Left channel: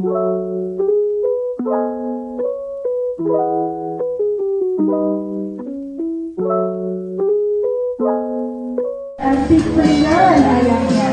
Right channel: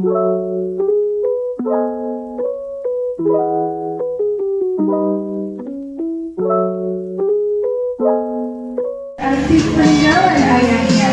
Arti peninggalan ayahnya.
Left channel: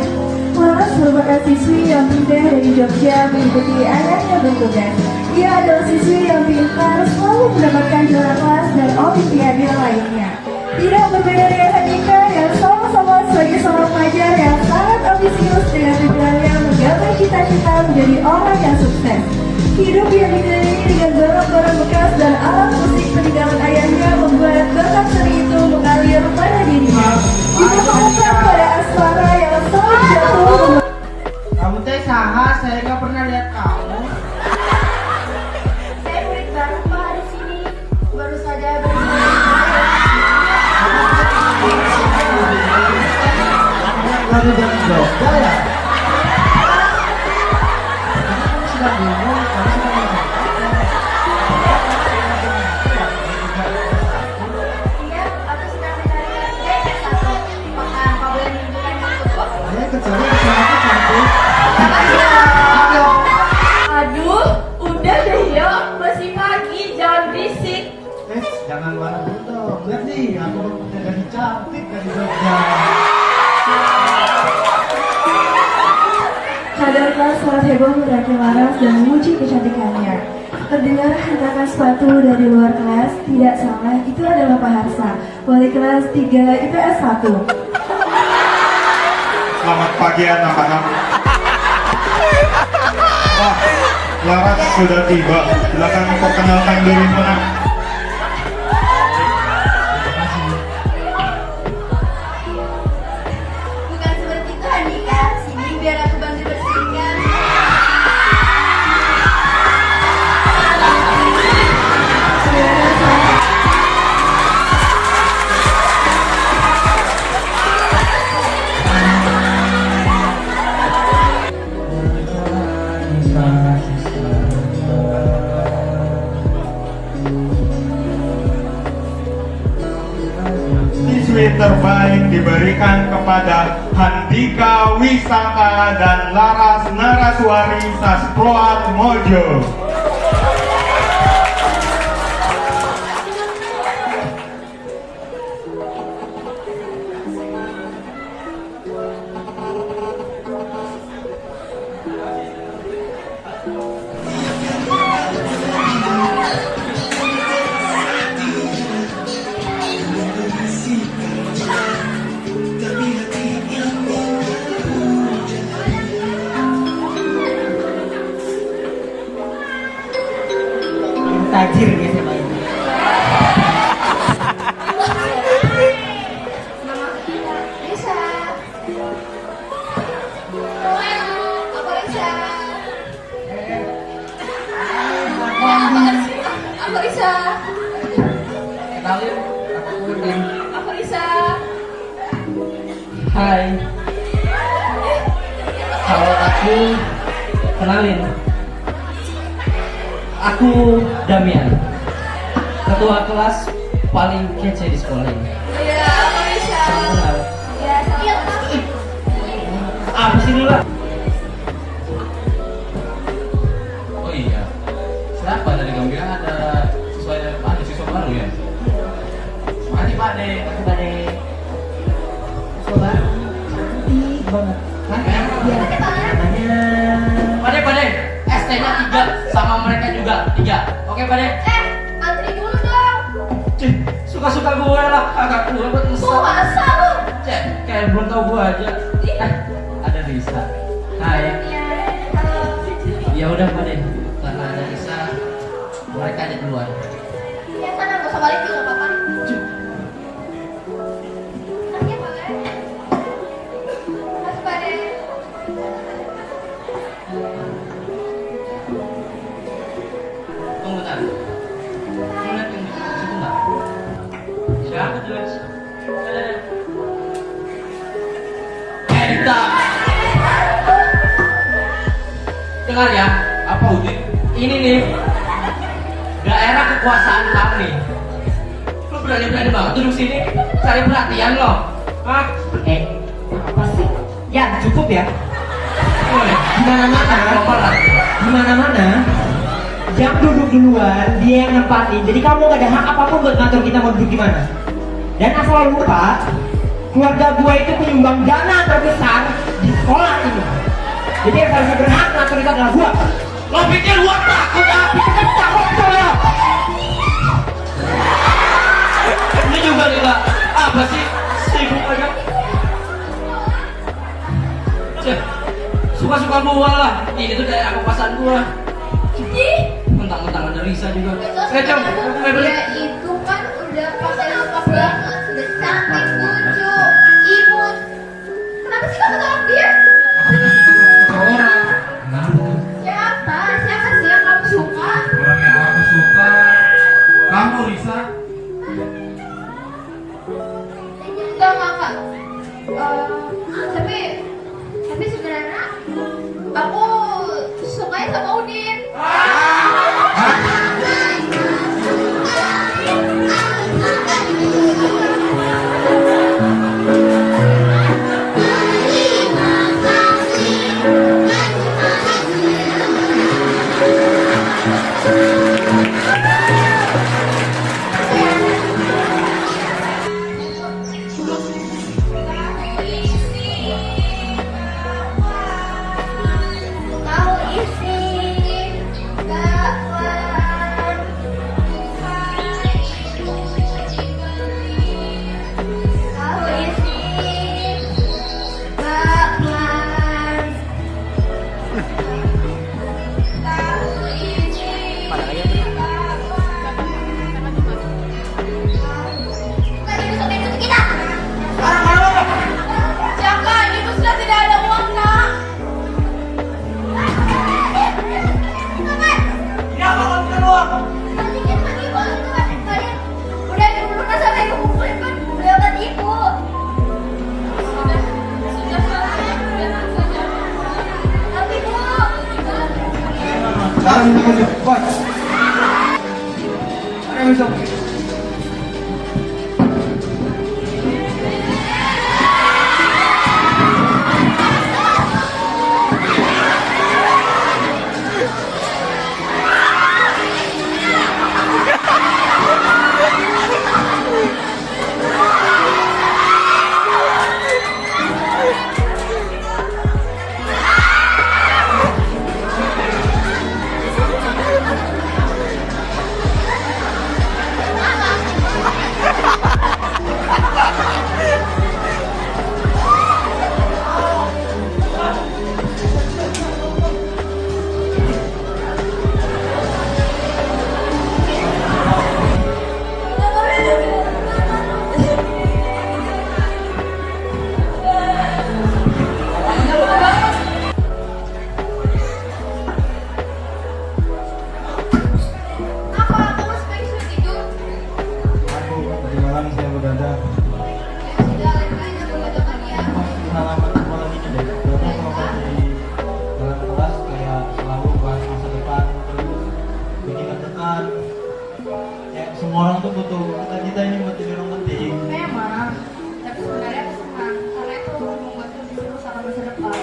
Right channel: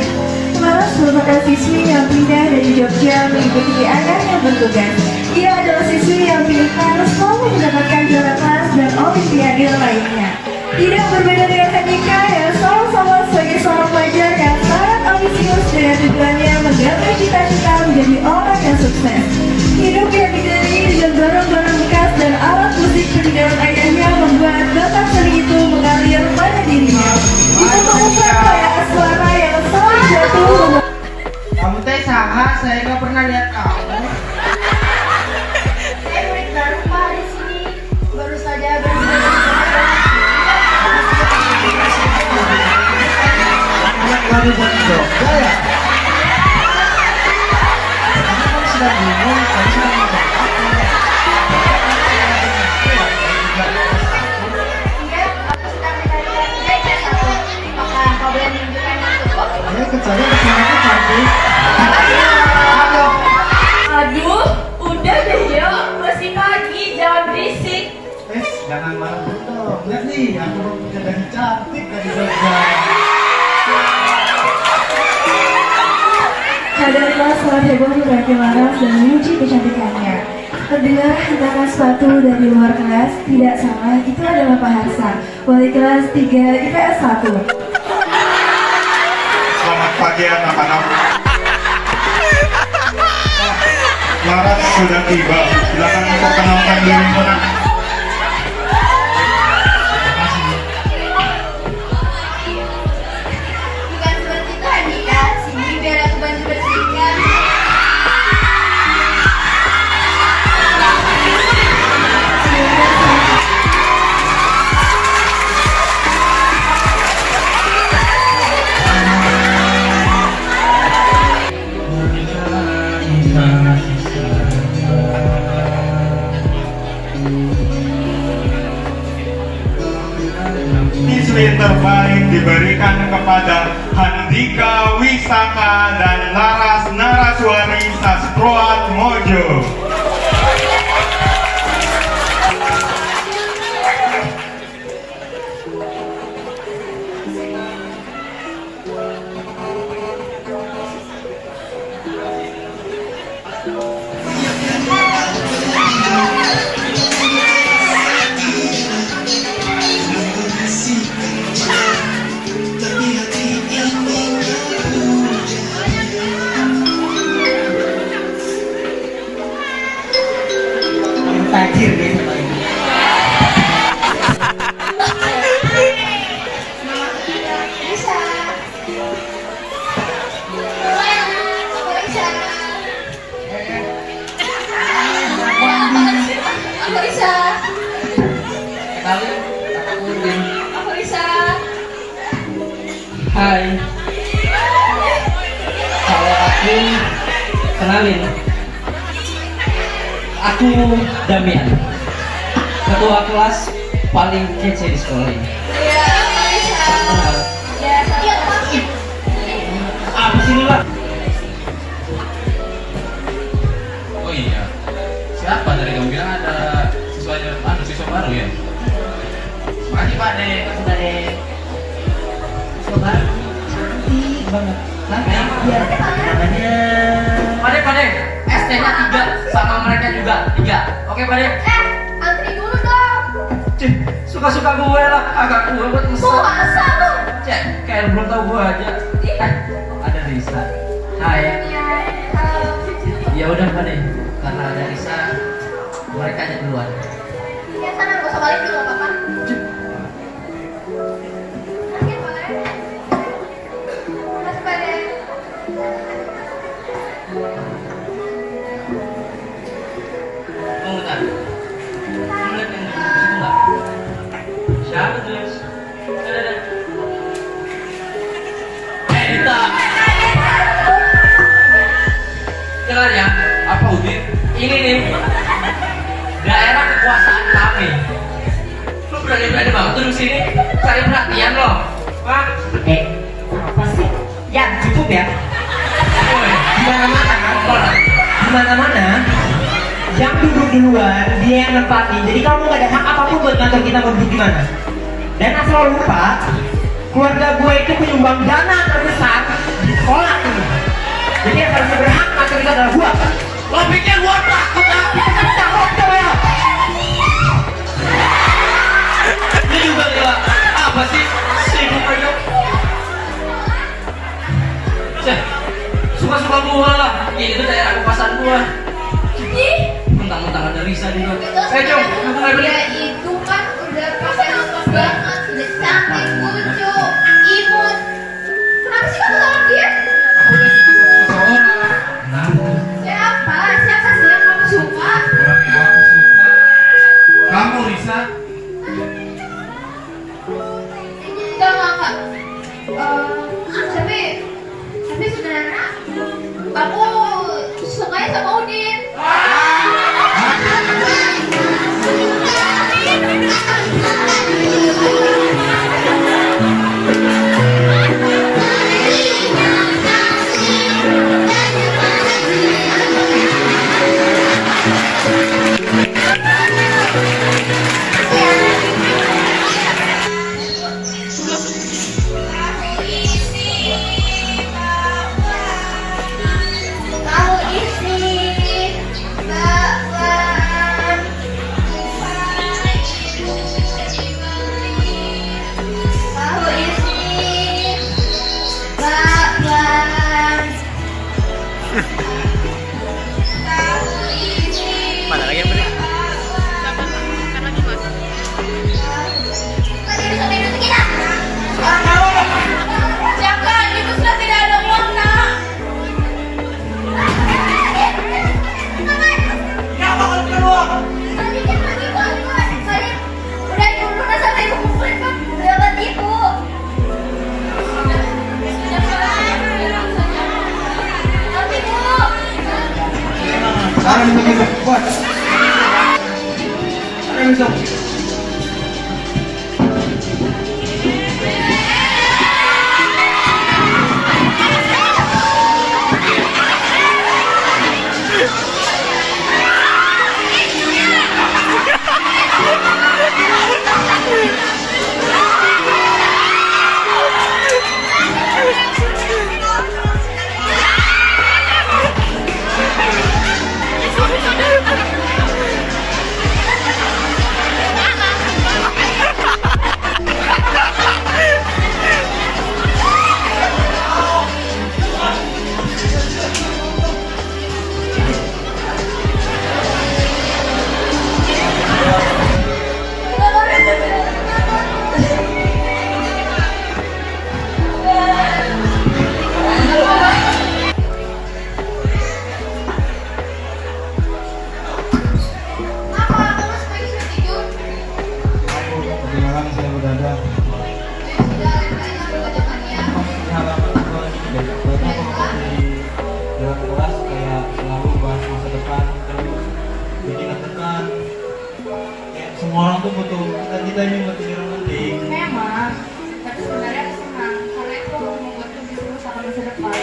Laras merupakan siswi yang pindah dari Jogja mengikuti ayahnya bertugas. Ia adalah siswi yang pintar, selalu mendapatkan juara kelas dan olimpiade lainnya. Tidak berbeda dengan Handika yang sama-sama sebagai seorang pelajar yang sangat ambisius dengan tujuannya menggapai cita-cita menjadi orang yang sukses. Hidup yang dikelilingi dengan barang-barang bekas dan alat musik peninggalan ayahnya membuat bakat seni itu mengalir pada dirinya. Itu merupakan kayak suara yang selalu jatuh. Kamu teh saha, saya nggak pernah lihat kamu. Saya murid baru Pak di sini, baru saja belajar. Baru buat yoga ya? Kamu sudah bingung, kamu sudah bingung. Iya, aku sedang mencari belajar satu. Apakah kau boleh menunjukkan untukku? Saya kecuali suaraku cantik. Aduh. Aduh, udah deh yo, masih pagi, jangan berisik. Jangan marah dulu dong. Lihat nih, aku udah jadi cantik dari Jogja. Kadarlah suara heboh berakhir Laras dan memuji kecantikannya. Terdengar hentakan sepatu dari luar kelas. Tidak salah, itu adalah Pak Harsa, wali kelas 3 IPS 1. Selamat pagi anak-anak. Wah, Laras sudah tiba. Silakan memperkenalkan diri nak. Bukan seperti itu Handika, sini biar aku bantu bersihkan. Siswi terbaik diberikan kepada Handika Wisaka dan Laras Naraswari Sasproat Mojo. Tajir nih sama ini. Bisa. Apa bisa? Apa bisa? Kali aku Udin. Apa bisa? Hai. Kalau aku kenalin. Aku Damian, ketua kelas paling kece di sekolah ini. Iya, apa bisa? Kenal. Iya, iya. Apa sih lu lah? Oh iya, siapa dari kamu bilang ada siswa baru ya? Makasih Pak De. Coba cantik banget. Iya. Pade, ST-nya 3, sama mereka juga 3. Oke Pade? Antri dulu dong. Cih, suka-suka gue lah, agak gue buat Kok mesra. masa lu? Cek, kayak belum tahu gue aja. Ada Risa. Hai. Iya, halo. Ya udah Pade, karena ada Risa, mereka aja duluan. Ya sana, gak usah balik dulu, gak apa-apa. Oke, boleh. Makasih, Pak De. Tunggu tadi. Lu lihat yang di situ nggak? Siapa tuh? Dita. Dengar ya, apa Udin? Ini nih daerah kekuasaan kami. Lu berani banget duduk sini cari perhatian lo. Hah? Apa sih? Ya cukup ya. Woi, Gimana mana? apa lah? mana-mana, yang duduk duluan dia yang nempatin. Jadi kamu nggak ada hak apapun buat ngatur kita mau duduk di mana. Dan asal lo lupa, keluarga gue itu penyumbang dana terbesar di sekolah ini. Jadi yang harusnya berhak ngatur kita adalah gue. Lo pikir gua takut apa? Ini juga gila. Apa sih? Sibuk aja. Cek, suka-suka gua lah. Ini tuh daerah kekuasaan gua. Mentang-mentang ada Risa juga. Jom, aku mulai beli. Dia itu kan udah pakai lengkap banget, udah cantik, lucu, imut. Kenapa sih kamu tolak dia? Aku tuh suka seseorang. Siapa? Siapa sih yang kamu suka? Orang yang aku suka. Kamu Risa. Enggak. Tapi sebenarnya aku sukanya sama Udin. Sekarang begitu, bos. Ayo, Zong. Bagaimana selalu berada? Dalam kelas kayak selalu bahas masa depan terus bikin tekan. Kayak semua orang tuh butuh kita ini buat jadi orang penting. Memang, tapi sebenarnya aku senang karena itu membuat lebih seru sama masa depan.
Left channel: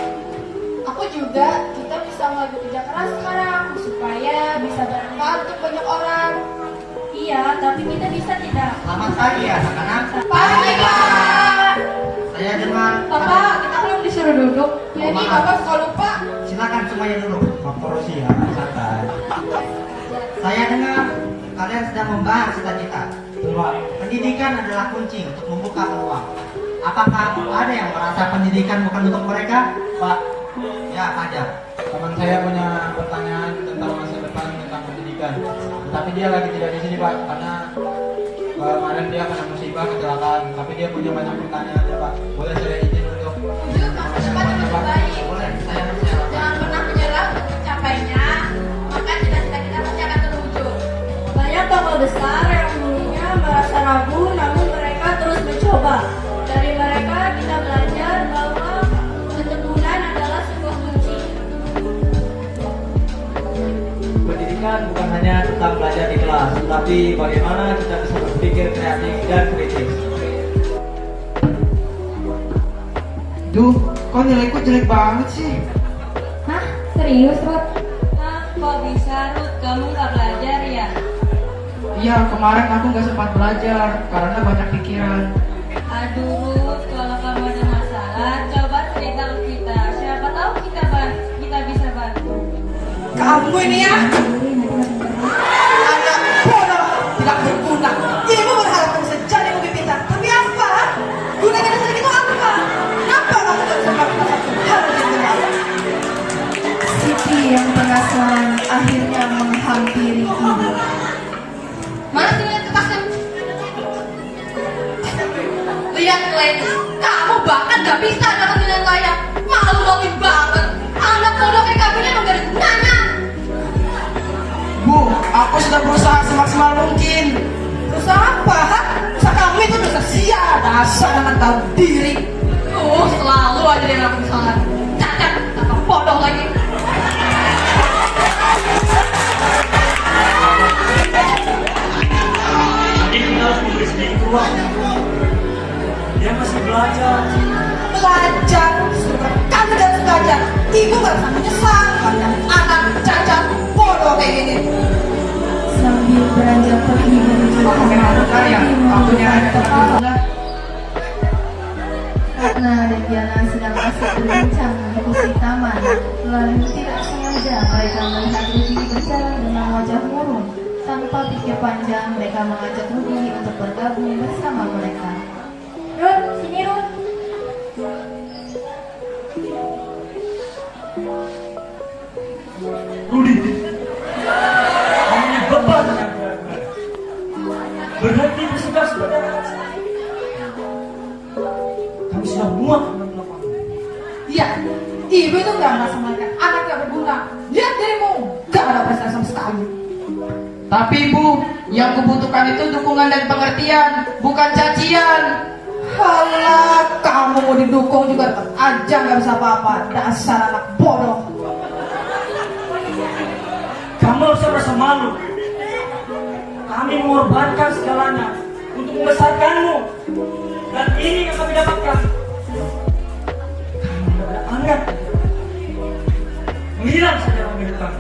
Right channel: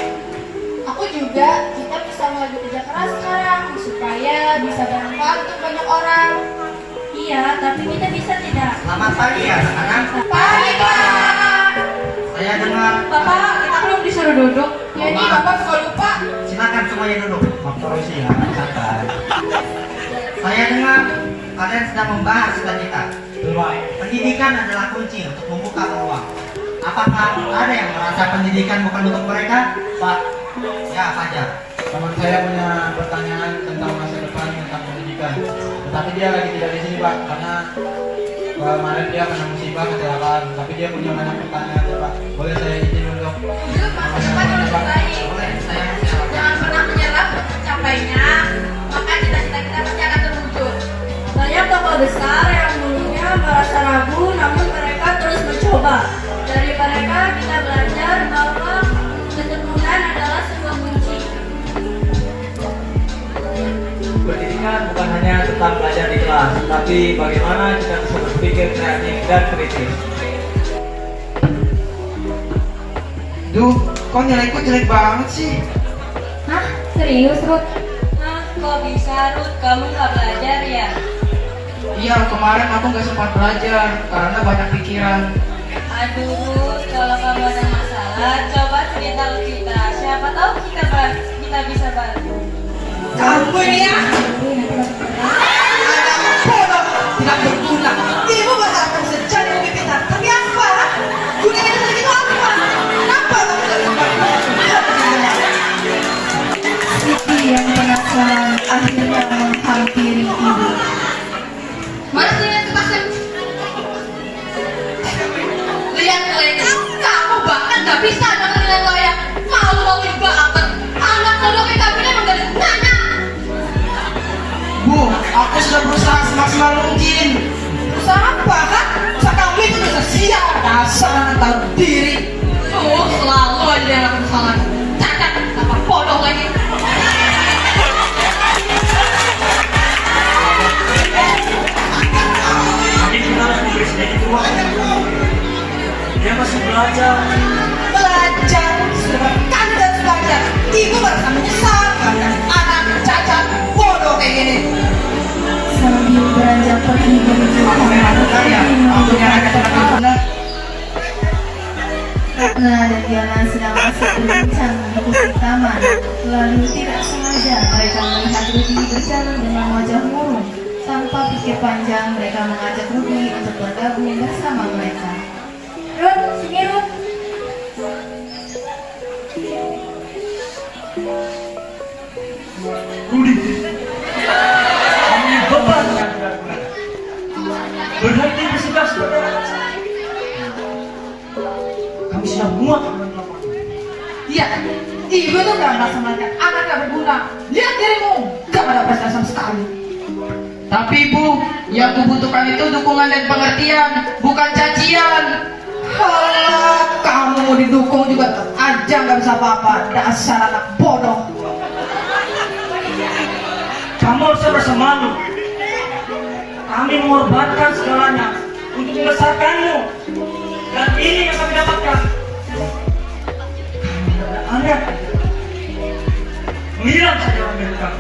Aku juga, kita bisa mulai bekerja keras sekarang supaya bisa bermanfaat untuk banyak orang. Iya, tapi kita bisa tidak. Selamat pagi ya, anak-anak. Pagi, Pak. Saya dengar. Bapak, kita belum disuruh duduk. Ya ini Bapak suka lupa. Silakan semuanya duduk. Maaf ya, santai. Saya dengar kalian sedang membahas cita-cita. Pendidikan adalah kunci untuk membuka peluang. Apakah ada yang merasa pendidikan bukan untuk mereka? Pak, ya Fajar. Teman saya punya pertanyaan tentang masa depan tentang pendidikan. Tetapi dia lagi tidak di sini Pak, karena kemarin dia kena musibah kecelakaan. Tapi dia punya banyak pertanyaan ya Pak. Boleh saya izin untuk Jujur, masa depan harus baik. Boleh, saya silakan. Jangan pernah menyerah untuk mencapainya. Maka cita-cita kita pasti akan terwujud. Banyak tokoh besar yang dulunya merasa ragu, namun mereka terus mencoba. Dari mereka kita belajar bahwa ketekunan adalah sebuah kunci. Pendidikan bukan hanya tentang belajar di kelas, tapi bagaimana kita bisa berpikir kreatif dan kritis. Duh, kok nilaiku jelek banget sih? Hah? Serius, Ruth? Nah, kok bisa, Ruth? Kamu nggak belajar ya? Iya, kemarin aku nggak sempat belajar karena banyak pikiran. Aduh, Ruth, kalau kamu ada masalah, coba cerita ke kita. Siapa tahu kita bisa bantu. Kamu ini ya, anak bodoh, tidak berguna. Ibu berharap bisa jadi lebih pintar, tapi apa? Gunanya dari itu apa? Kenapa kamu tidak sempat melakukan Siti yang penasaran akhirnya menghampiri ibu. Mana punya kertasnya? Lihat Lena, kamu bahkan gak bisa dapat nilai layak. Malu-maluin banget. Anak bodoh kayak kamu ini emang gak ada gunanya. Bu, aku sudah berusaha semaksimal mungkin. Berusaha apa? Hah? Usaha kamu itu dosa sia. Dasar anak tahu diri. Tuh, selalu aja yang lakukan kesalahan. Cacat, tambah bodoh lagi. Ini kita harus memberi sedikit ruang. Dia masih belajar. Belajar, sudah kan udah belajar. Ibu merasa menyesal karena anak cacat bodoh kayak gini. Sambil beranjak pergi menuju Aku memang benar ya, aku yang ada di Ratna dan Diana sedang asik berbincang di kursi taman. Lalu tidak sengaja mereka melihat Rudy berjalan dengan wajah murung. Tanpa pikir panjang, mereka mengajak Rudy untuk bergabung bersama mereka. Ruth, sini Ruth. Rudi, kamu ini beban yang tidak guna. Berhenti bersegas kepada kami sudah muak dengan kelakuan. Iya, ibu itu gak merasa melihat anak gak berguna. Lihat dirimu, gak ada prestasi sama sekali. Tapi Bu, yang kubutuhkan itu dukungan dan pengertian, bukan cacian. Halah, kamu mau didukung juga tetap aja gak bisa apa-apa. Dasar anak bodoh. Kamu harusnya merasa malu. Kami mengorbankan segalanya untuk membesarkanmu. Dan ini yang kami dapatkan. Kami tidak ada anak. Menghilang saja dari kami.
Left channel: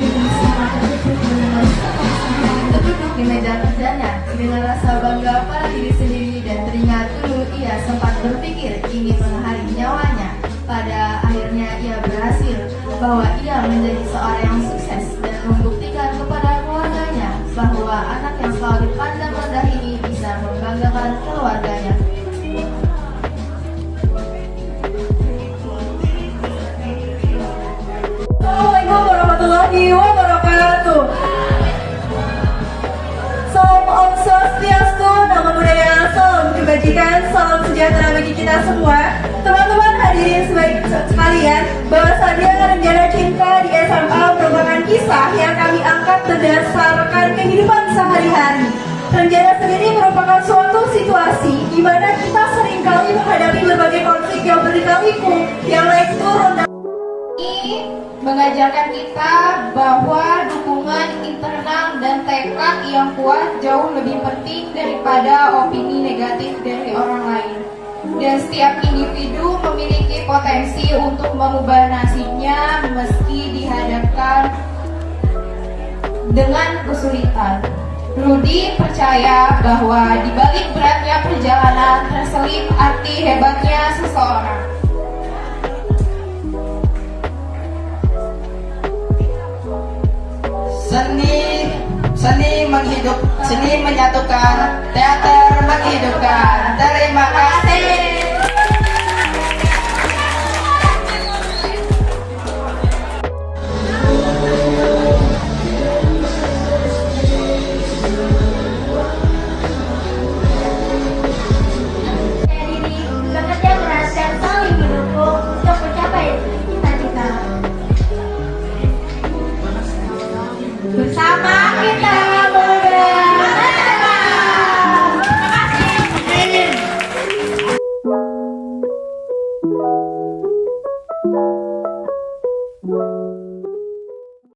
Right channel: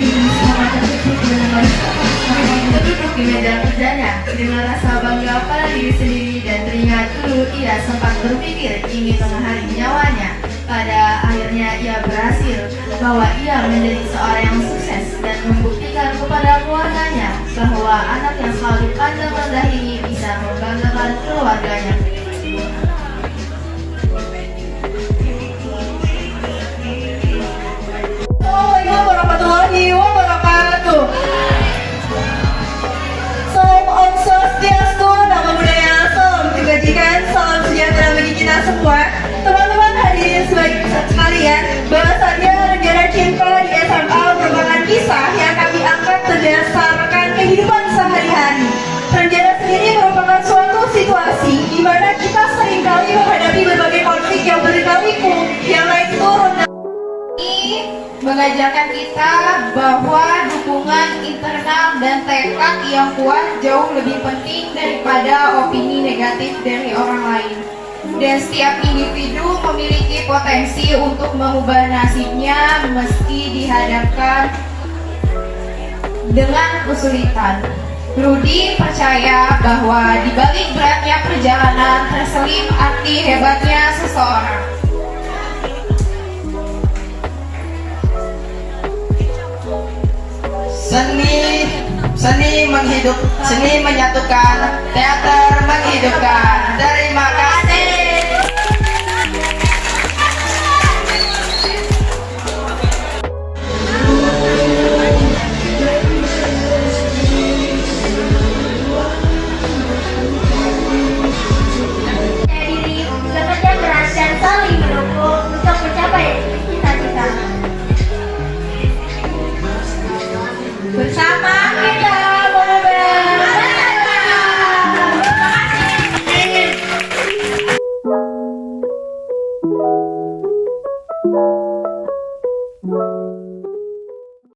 Ibu sangat terkejut mendengar duduk di meja kerjanya dengan rasa bangga pada diri sendiri dan teringat dulu ia sempat berpikir ingin mengakhiri nyawanya. Pada akhirnya ia berhasil bahwa ia menjadi seorang yang sukses dan membuktikan kepada keluarganya bahwa anak yang selalu dipandang rendah ini bisa membanggakan keluarganya. Assalamualaikum warahmatullahi wabarakatuh. Salam Om Swastiastu, nama budaya, salam kebajikan, salam sejahtera bagi kita semua. Teman-teman hadirin sekalian, bahwasannya rencana cinta di SMA merupakan kisah yang kami angkat berdasarkan kehidupan sehari-hari. Rencana sendiri merupakan suatu situasi di mana kita seringkali menghadapi berbagai konflik yang berliku yang naik turun. Ini mengajarkan kita bahwa dukungan internal dan tekad yang kuat jauh lebih penting daripada opini negatif dari orang lain. Dan setiap individu memiliki potensi untuk mengubah nasibnya meski dihadapkan dengan kesulitan. Rudy percaya bahwa di balik beratnya perjalanan terselip arti hebatnya seseorang. Seni seni menyatukan, teater menghidupkan. Terima kasih.